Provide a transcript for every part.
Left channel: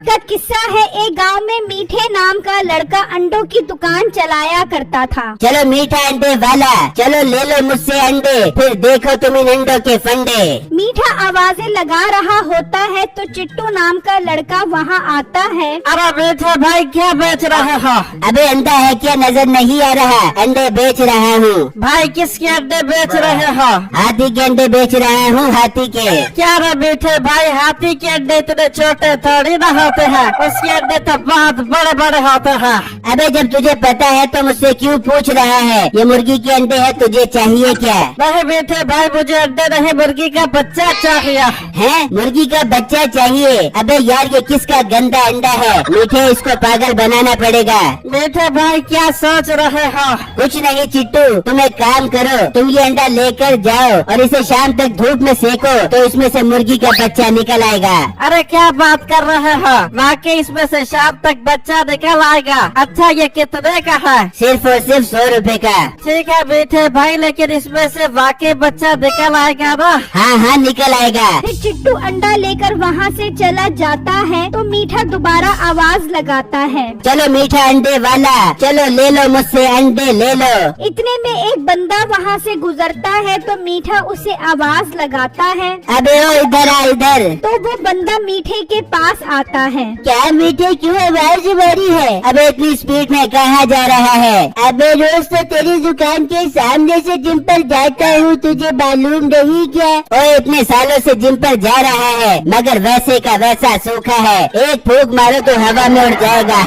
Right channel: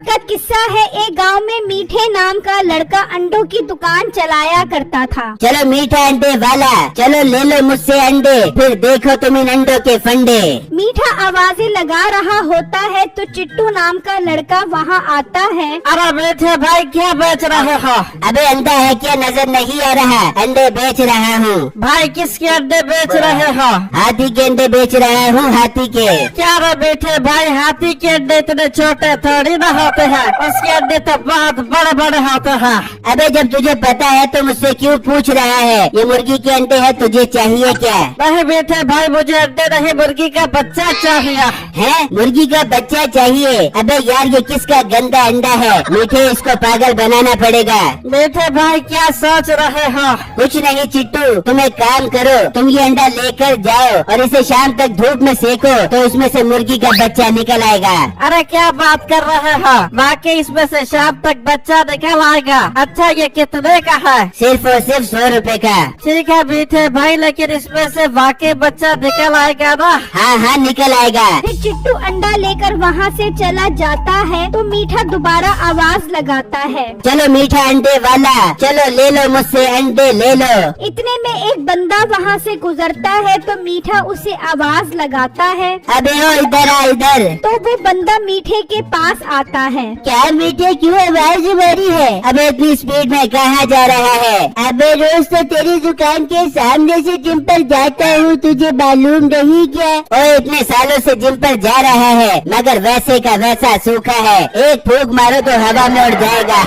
का किस्सा है। एक गांव में मीठे नाम का लड़का अंडों की दुकान चलाया करता था। चलो मीठा अंडे वाला, चलो ले लो मुझसे अंडे, फिर देखो तुम इन अंडों के फंडे। मीठा आवाजें लगा रहा होता है तो चिट्टू नाम का लड़का वहाँ आता है। अरे मीठे भाई क्या बेच रहे हो? अबे अंडा है क्या नजर नहीं आ रहा? अंडे बेच रहा हूँ। भाई किसके अंडे बेच रहे हो? हाथी के अंडे बेच रहा हूँ, हाथी के। क्या रे मीठे भाई, हाथी के अंडे इतने छोटे थोड़ी ना होते हैं, उसके अंडे तो बहुत बड़े बड़े होते हैं। अबे जब तुझे पता है तो मुझसे क्यों पूछ रहा है? ये मुर्गी के अंडे है, तुझे चाहिए क्या? नहीं मीठे भाई, मुझे अंडे नहीं, मुर्गी का बच्चा चाहिए। है मुर्गी का बच्चा चाहिए? अबे यार ये किसका गंदा अंडा है? मीठे इसको पागल बनाना पड़ेगा। मीठे भाई क्या सोच रहे हो? कुछ नहीं चिट्टू, तुम एक काम करो, तुम ये अंडा लेकर जाओ और इसे शाम तक धूप में सेको तो इसमें से मुर्गी का बच्चा निकल आएगा। अरे क्या बात कर रहे हो? वाकई इसमें से शाम तक बच्चा निकल आएगा? अच्छा ये कितने का है? सिर्फ और सिर्फ 100 रुपए का। ठीक है मीठे भाई, लेकिन इसमें से वाकई बच्चा निकल आएगा ना? हाँ हाँ निकल आएगा। फिर चिट्टू अंडा लेकर वहाँ से चला जाता है तो मीठा दोबारा आवाज लगाता है। चलो मीठा अंडे वाला, चलो ले लो मुझसे अंडे ले लो। इतने में एक बंदा वहाँ से गुजरता है तो मीठा उसे आवाज लगाता है। अबे ओ इधर आ इधर। तो वो बंदा मीठे के पास आता है। क्या मीठे क्यों आवाज बड़ी है? अबे इतनी स्पीड में कहाँ जा रहा है? अबे रोज तो तेरी दुकान के सामने से जिम पर जाता हूँ, तुझे मालूम नहीं क्या? ओ इतने सालों से जिम पर जा रहा है मगर वैसे का वैसा सूखा है, एक फूंक मारो तो हवा में उड़ जाएगा।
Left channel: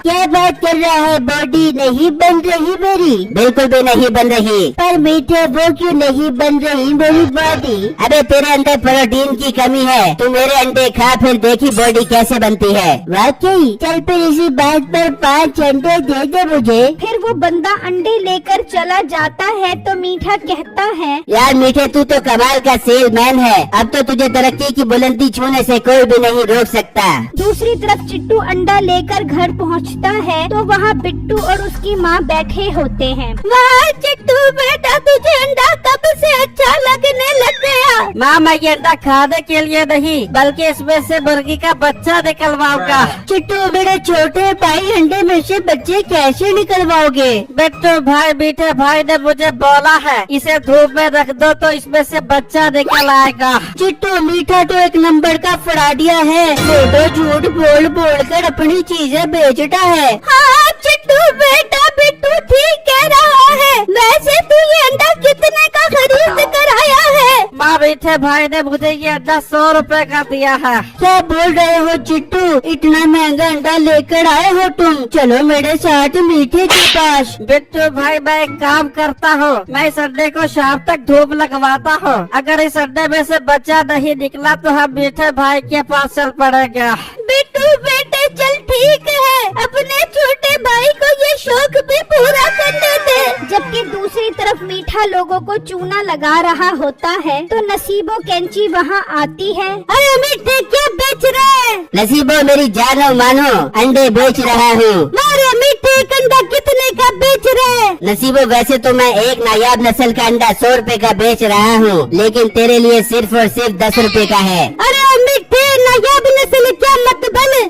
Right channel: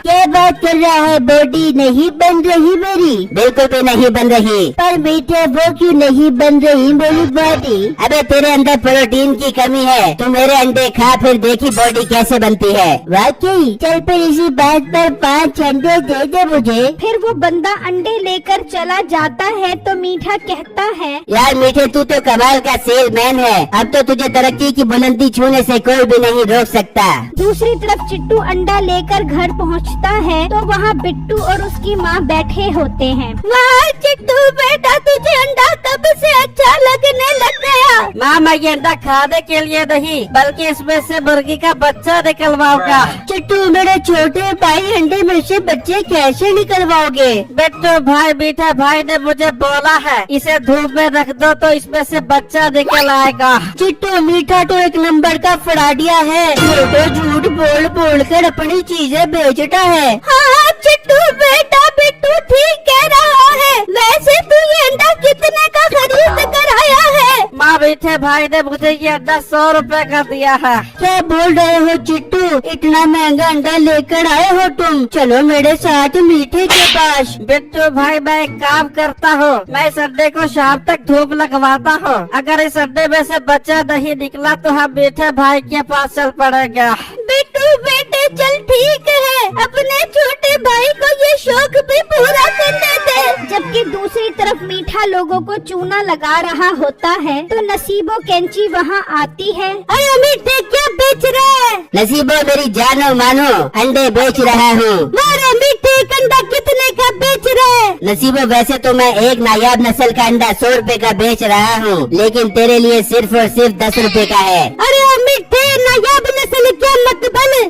क्या बात कर रहा है? बॉडी नहीं बन रही मेरी? बिल्कुल भी नहीं बन रही। पर मीठे वो क्यों नहीं बन रही मेरी बॉडी? अबे तेरे अंदर प्रोटीन की कमी है, तू मेरे अंडे खा फिर देखी बॉडी कैसे बनती है। वाकई? चल फिर इसी बात पर 5 अंडे दे दे मुझे। फिर वो बंदा अंडे लेकर चला जाता है तो मीठा कहता है, यार मीठे तू तो कमाल का सेलमैन है, अब तो तुझे तरक्की की बुलंदी छूने से कोई भी नहीं रोक सकता। दूसरी तरफ चिट्टू अंडा लेकर घर पहुंचता है तो वहाँ पिट्टू और उसकी माँ बैठे होते हैं। वाह चिट्टू बेटा, तुझे अंडा कब से अच्छा लगने लग गया? माँ मैं ये अंडा खाने के लिए नहीं बल्कि इसमें से मुर्गी का बच्चा निकलवाऊंगा। चिट्टू मेरे छोटे भाई अंडे में से बच्चे कैसे निकलवाओगे? बिट्टू भाई मीठे भाई ने मुझे बोला है इसे धूप में रख दो तो इसमें से बच्चा निकल आएगा। चिट्टू मीठा तो एक नंबर का फ्रॉडिया है, ये तो झूठ बोल बोल कर अपनी चीजें बेचता है। हाँ चिट्टू बेटा, बिट्टू ठीक कह रहा है। वैसे तू ये अंडा कितने का खरीद कर आया है? माँ मीठे भाई ने मुझे ये अंडा 100 रुपए का दिया है। क्या बोल रहे हो चिट्टू? इतना महंगा अंडा लेकर आए हो तुम? चलो मेरे साथ मीठे के पास। बिट्टू भाई मैं एक काम करता हूँ, मैं इस अंडे को शाम तक धूप लगवाता हूँ, अगर इस अंडे में से बच्चा नहीं निकला तो हम मीठे भाई के पास चल पड़ेगा। बिट्टू बेटे चल ठीक है, अपने छोटे भाई को ये शौक भी पूरा करने दे। जबकि दूसरी तरफ मीठा लोगों को चूना लगा रहा होता है तो नसीबो कैंची वहाँ आती है। अरे मीठे क्या बेच रहे हैं? नसीबो मेरी जानो मानो अंडे बेच रहा हूँ। अरे मीठे अंडा कितने का बेच रहे हैं? नसीबो वैसे तो मैं एक नायाब नस्ल का अंडा 100 रुपए का बेच रहा हूँ, लेकिन तेरे लिए सिर्फ और सिर्फ 10 रुपए का है। अरे मीठे नायाब नस्ल क्या मतलब?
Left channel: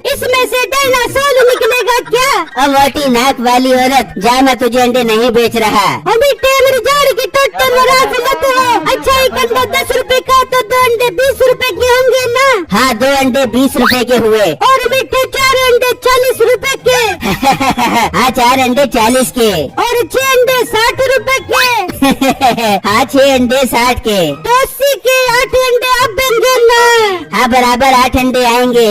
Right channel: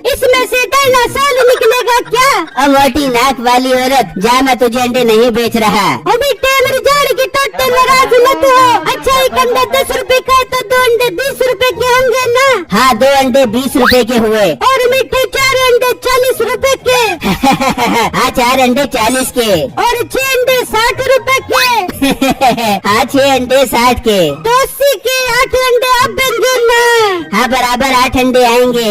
इसमें से डायनासोर निकलेगा क्या? अवटी नाक वाली औरत, जा मैं तुझे अंडे नहीं बेच रहा। मीठे मेरी जान की टोटी नाराज मत हो। अच्छा एक अंडा 10 रुपए का तो 2 अंडे 20 रुपए के होंगे ना? हाँ 2 अंडे 20 रुपए के हुए। और मीठे 4 अंडे 40 रुपए के। हाँ 4 अंडे 40 के। और 6 अंडे 60 रुपए के। हाँ 6 अंडे 60 के। तो 80 के 8 अंडे आप बिन देना। हाँ बराबर 8 अंडे आएंगे।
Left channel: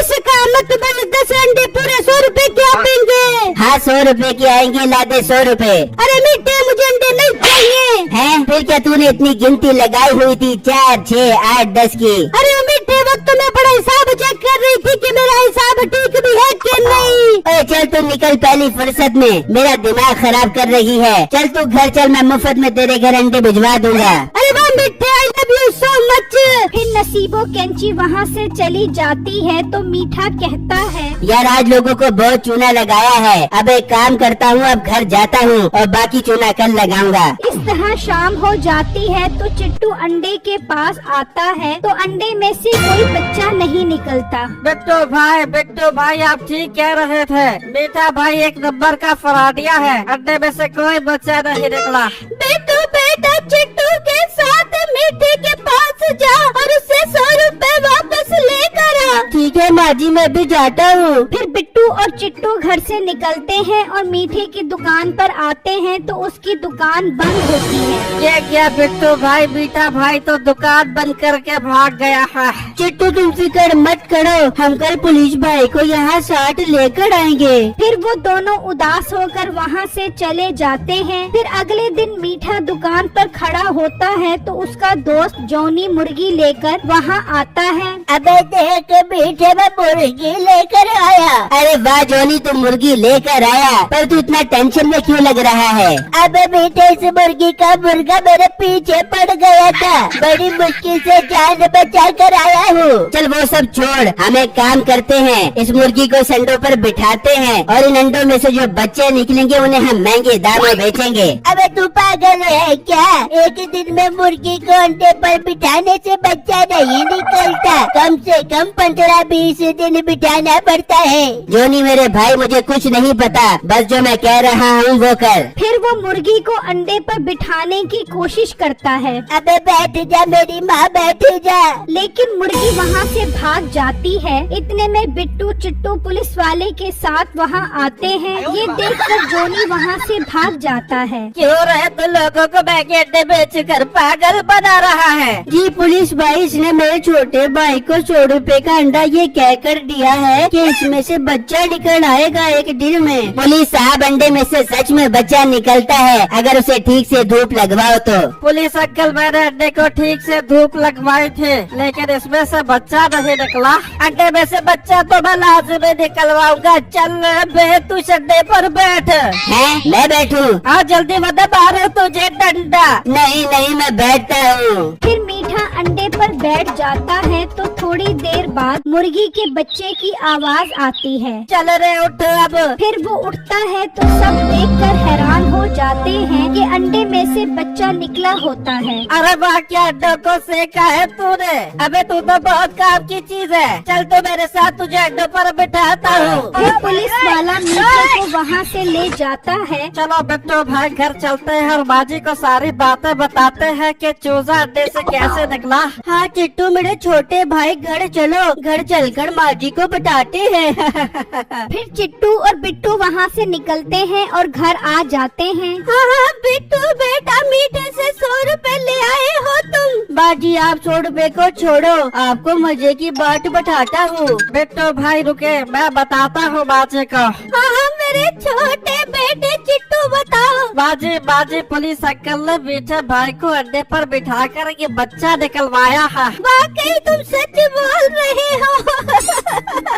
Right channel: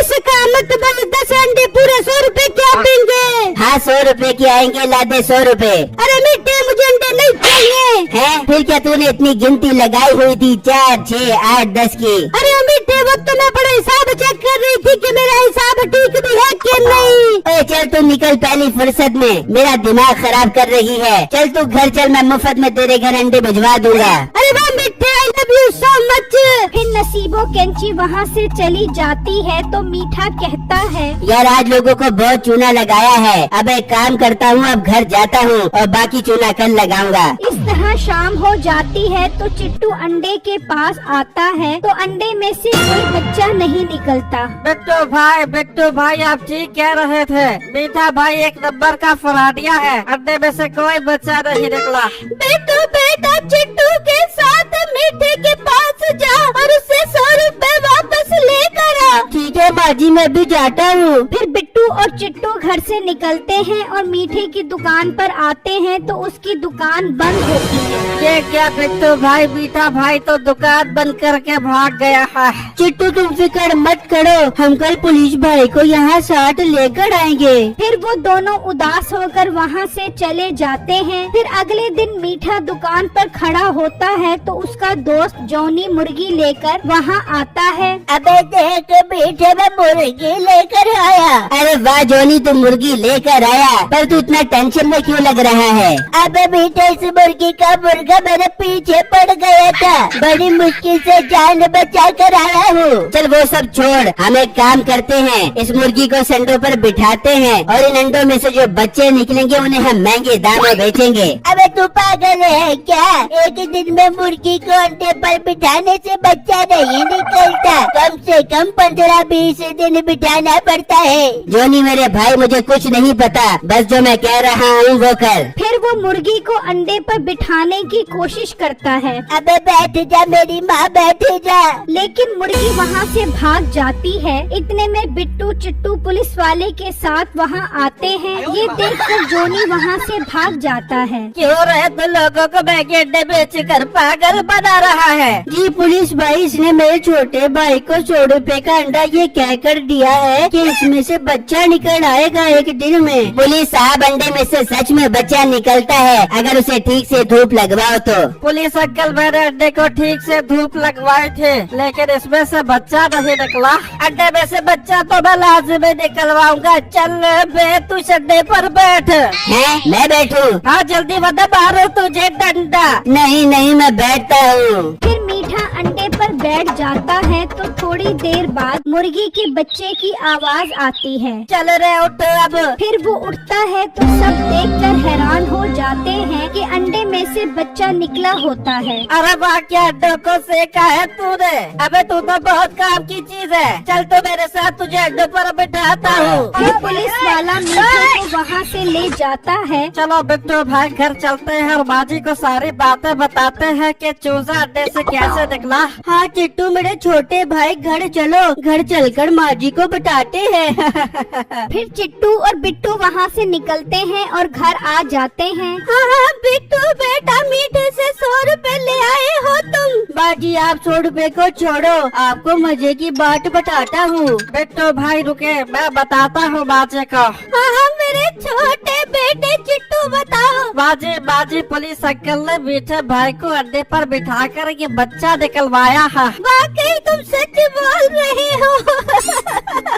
इसका मतलब 10 अंडे पूरे 100 रुपए के आएंगे। हाँ 100 रुपए के आएंगे, ला दे 100 रुपए। अरे मीठे मुझे अंडे नहीं चाहिए। हैं? फिर क्या तूने इतनी गिनती लगाई हुई थी 4, 6, 8, 10 की? अरे मीठे वक्त में बड़ा हिसाब चेक कर रही थी कि मेरा हिसाब ठीक भी है कि नहीं। अरे चल तू निकल पहली फुर्सत में, मेरा दिमाग खराब कर रही है। चल तू घर चल, मैं मुफ्त में तेरे घर अंडे भिजवा दूंगा। अरे वाह मीठे, I love you so much. फिर नसीबो कैंची वहाँ से चली जाती है तो मीठा कहता है, यार आज लोगों को बहुत चूना लगाया है, अब एक काम करता हूँ, अब घर जाता हूँ और बाकी चूना कल लगाऊंगा। इस जहाँ शाम हो जाती है तो चिट्टू अंडे के पास आता है तो अंडे में से कोई बच्चा नहीं निकलता। बिट्टू भाई आप ठीक कह रहे थे। मीठा भाई एक नंबर का फराडिया है। अंडे में से कोई बच्चा नहीं निकला। बिट्टू बेटा चिट्टू के साथ मीठे के पास जा और उससे 100 रुपए वापस लेकर आ। ठीक है माँ जी, मैं भी जाता हूँ। फिर बिट्टू और चिट्टू घर से निकलते हैं और मीठे की दुकान पर आते हैं तो उसकी दुकान बंद होती है। ये क्या बिट्टू भाई, मीठा भाई तो दुकान बंद करके भाग गया है। चिट्टू तुम फिक्र मत करो, हम कल पुलिस भाई को यहाँ साथ लेकर आएंगे। फिर वो दोनों उदास होकर वहाँ से चले जाते हैं। फिर अगले दिन मीठा दुकान पर खड़ा होता है तो उसका दोस्त जॉनी मुर्गी लेकर वहाँ आता है। अबे देख मीठे में मुर्गी लेकर आया। अरे वाह जॉनी, तुम मुर्गी लेकर आया, पर तू इतना टेंशन में क्यों लग रहा है? अबे मीठे से मुर्गी का मुर्गा मेरे पीछे पड़ गया था, बड़ी मुश्किल से जान बचा कर आया हूँ। चल वो सब छोड़, हम एक काम करते हैं, इस मुर्गी को संडों पर बिठाते हैं और इन अंडों में से जो बच्चे निकलेंगे उन्हें हम महंगे दाम में बेचेंगे। अबे तू पागल है क्या? एक दिन में मुर्गी को अंडे पर बिठाने से बच्चा नहीं निकलता, कम से कम 15-20 दिन बिठाना पड़ता है। जोनी मेरे भाई, मुझे कुछ नहीं पता, बस जो मैं कह रहा हूँ वो कर। फिर वो मुर्गी को अंडे पर बिठाने की कोशिश करता है। अबे बैठ जा मेरी माँ, बैठ जा। लेकिन मुर्गी वहाँ से भाग जाती है। इतने में बिट्टू चिट्टू पुलिस वाले के साथ वहाँ आते हैं। ये देखकर जोनी वहाँ से भाग जाता है। क्यों रहे तो लोगों को महंगे अंडे बेच कर पागल बना रहा है। जी पुलिस भाई, इसने मेरे छोटे भाई को 100 रुपए का अंडा ये कहकर दिया है कि इसमें से बच्चा निकल आएगा एक दिन में। पुलिस साहब, अंडे में से सच में बच्चा निकलता है अगर उसे ठीक से धूप लगवाओ तो। पुलिस अंकल, मैंने अंडे को ठीक से धूप लगवाए थे, लेकिन इसमें से बच्चा नहीं निकला। अंडे में से बच्चा तो मैं लाजमी निकलवाऊंगा। चल बे, तू अंडे पर बैठ। हैं? मैं बैठूं? हाँ जल्दी बता, मारो तुझे डंडा। नहीं नहीं, मैं बैठता हूँ। फिर मीठा अंडे पर बैठ जाता है तो थोड़ी देर बाद मुर्गी के बच्चे की आवाज आती है। चल रे उठ अब। फिर वो उठता है तो सब देखकर हैरान हो जाते हैं कि अंडे में से बच्चा निकला होता है। अरे वाह, क्या अंडों को सेका है तूने। अबे तू तो बहुत काम की चीज है। चल तो मेरे साथ तुझे अंडों पर बिठाता हूँ। फिर पुलिस वाला मीठा को वहाँ से ले जाता है। चलो बिट्टू भाई घर चलते हैं और माँ जी को सारी बातें बताते हैं कि चूजा अंडे से कैसे निकला। हाँ चिट्टू मेरे छोटे भाई, घर चलो, घर चलकर माँ जी को बताते हैं। फिर चिट्टू और बिट्टू वहाँ से निकलते हैं और घर आ जाते हैं। हाँ बिट्टू बेटा, मीठे से 100 रुपए ले आए हो तुम। माँ जी आप 100 रुपए को छोड़ो, आपको मजे की बात बताता हूँ। बिट्टू भाई रुके, मैं बताता हूँ बाजे को। हाँ मेरे छोटे बेटे चिट्टू बताओ। बाजी पुलिस अंकल ने मीठे भाई को अंडे पर बिठा कर ये बच्चा निकलवाया है। वाकई तुम सच बोल रही हो।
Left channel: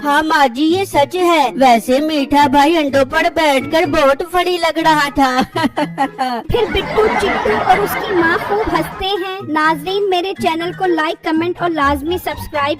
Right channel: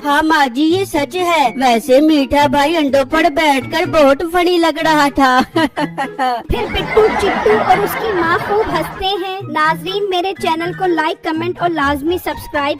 हाँ माँ जी ये सच है। वैसे मीठा भाई अंडों पर बैठकर बहुत फनी लग रहा था। फिर बिट्टू चिट्टू और उसकी माँ खूब हंसते हैं। नाजरीन, मेरे चैनल को लाइक, कमेंट और लाजमी सब्सक्राइब